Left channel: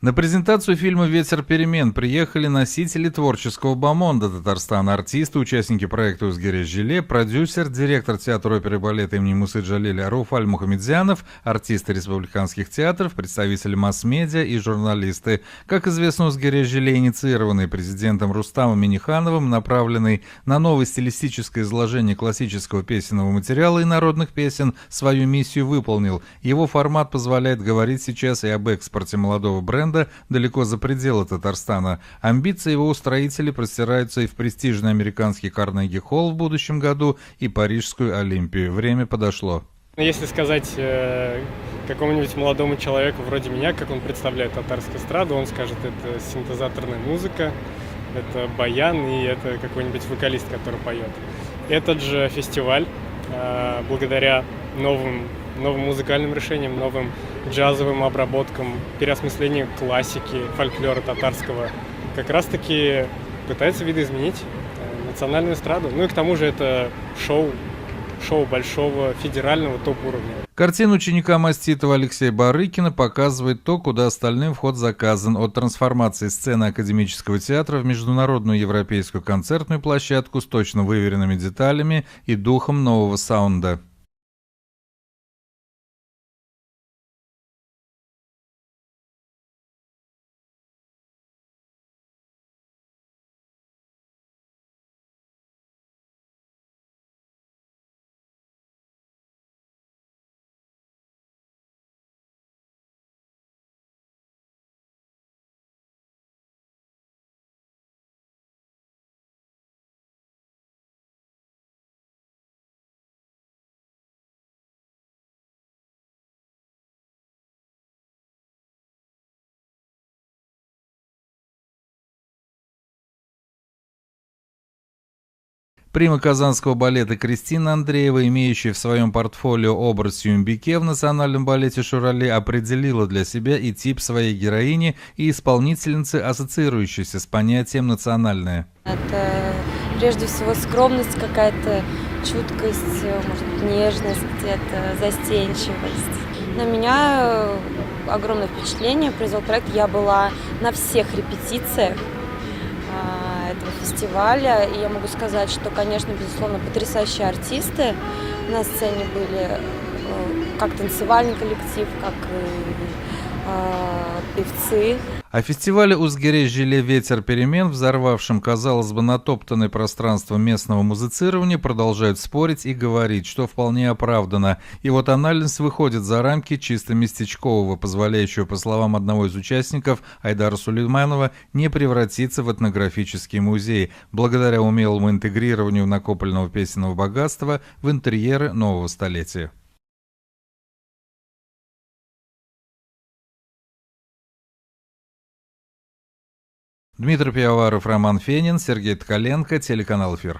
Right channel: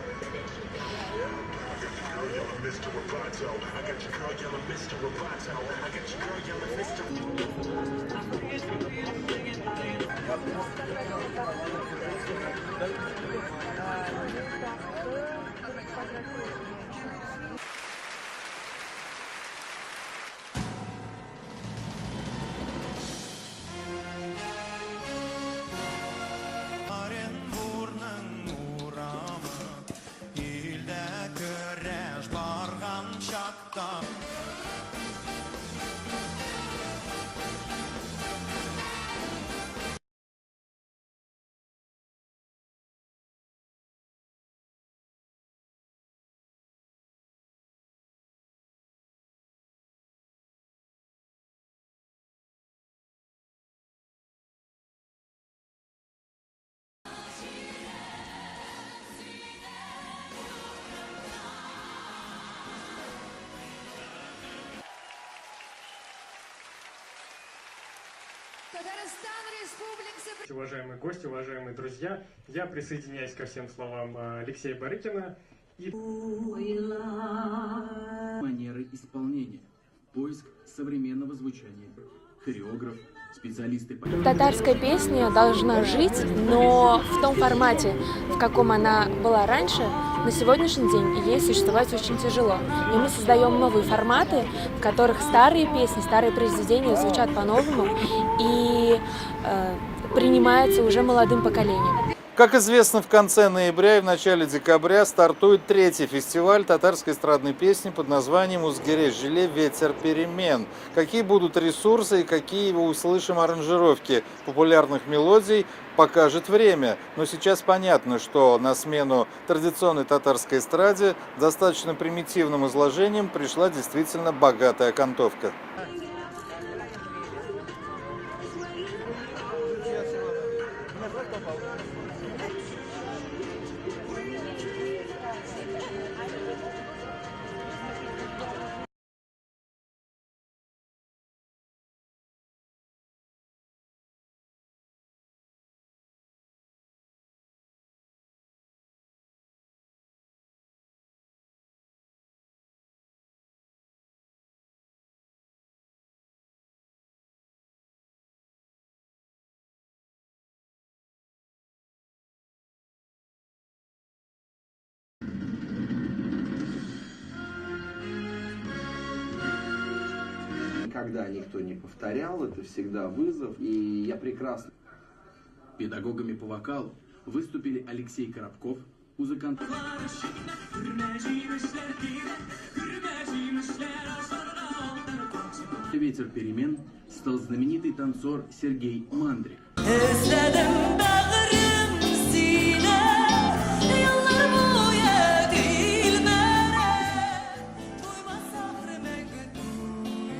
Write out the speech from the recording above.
На презентацию фильма «Ветер перемен» приехали носители творческого бомонда Татарстана, артисты, участники проекта «Узгереш Жиле», продюсер, директор театра оперы и балета имени Мусы Джалиля Руф Аль-Мухамедзянов, артисты республиканских театров, представители масс-медиа и журналисты. Как известно, «Узгереш Жиле», инициированный президентом Рустамом Миннихановым, направленный на новое стилистическое изложение классического песенного материала и народных песен, свою миссию выполнил. Его формат позволяет говорить сейчас и об экспорте молодого бренда далеко за пределы Татарстана. Амбиции его устроителей простираются и в престижный американский Карнеги-холл в будущем году, и Парижскую Олимпию. Время подошло. Если сказать какому-нибудь молодому человеку вроде меня, как он представляет татарскую эстраду, он скажет, это синтезаторная музыка, это баян и это какой-нибудь вокалист, который поет. Этот же фестиваль, благодаря новым музыкальным решениям, новым джазовым обработкам, переосмыслению классики, фольклора татарского, как раз-таки пытается видоизменить национальную эстраду. Ну и к тому же это шоу большого федерального топ-уровня. Картина ученика маститого Алексея Барыкина показывает то, куда остальным вход заказан, от трансформации сцены академического театра в международную европейскую концертную площадку с точно выверенными деталями и духом нового саунда. Татарская песня должна жить, но в том формате, в каком она была раньше, на сегодняшний день ей существовать очень тяжело. И мы создаем новые форматы, в которых старые песни, старые произведения звучат по-новому и принимаются уже молодым поколением. Как известно, в конце ноября и в начале декабря стартует третий фестиваль татарской эстрадной песни под названием «Узгереш Жиле. Ветер перемен». Какие будут ресурсы и какие услышим аранжировки популярных мелодий, покажет время. Но сейчас понятно, что на смену традиционной татарской эстраде достаточно примитивным изложением пришла действительно богатая окантовка. Прима казанского балета Кристина Андреева, имеющая в своем портфолио образ Сюмбике в национальном балете Шурале, определила для себя и тип своей героини и исполнительницы, ассоциирующейся с понятием «национальное». Это прежде всего скромность какая-то, чуткость, может быть, нежность где-то, застенчивость. На меня огромное впечатление произвел проект. Я была на всех репетициях этого фестиваля, и я могу сказать, что, конечно, безусловно, потрясающие артисты на сцене были, как танцевальный коллектив, как и певцы. О фестивале «Узгереш Жиле. Ветер перемен», взорвавшем, казалось бы, натоптанное пространство местного музицирования, продолжают спорить и говорить, что вполне оправдано. Его тональность выходит за рамки чисто местечкового, позволяющего, по словам одного из участников, Айдара Сулейманова, не превратиться в этнографический музей, благодаря умелому интегрированию накопленного песенного богатства в интерьеры нового столетия. Дмитрий Пивоваров, Роман Фенин, Сергей Ткаленко, телеканал «Эфир».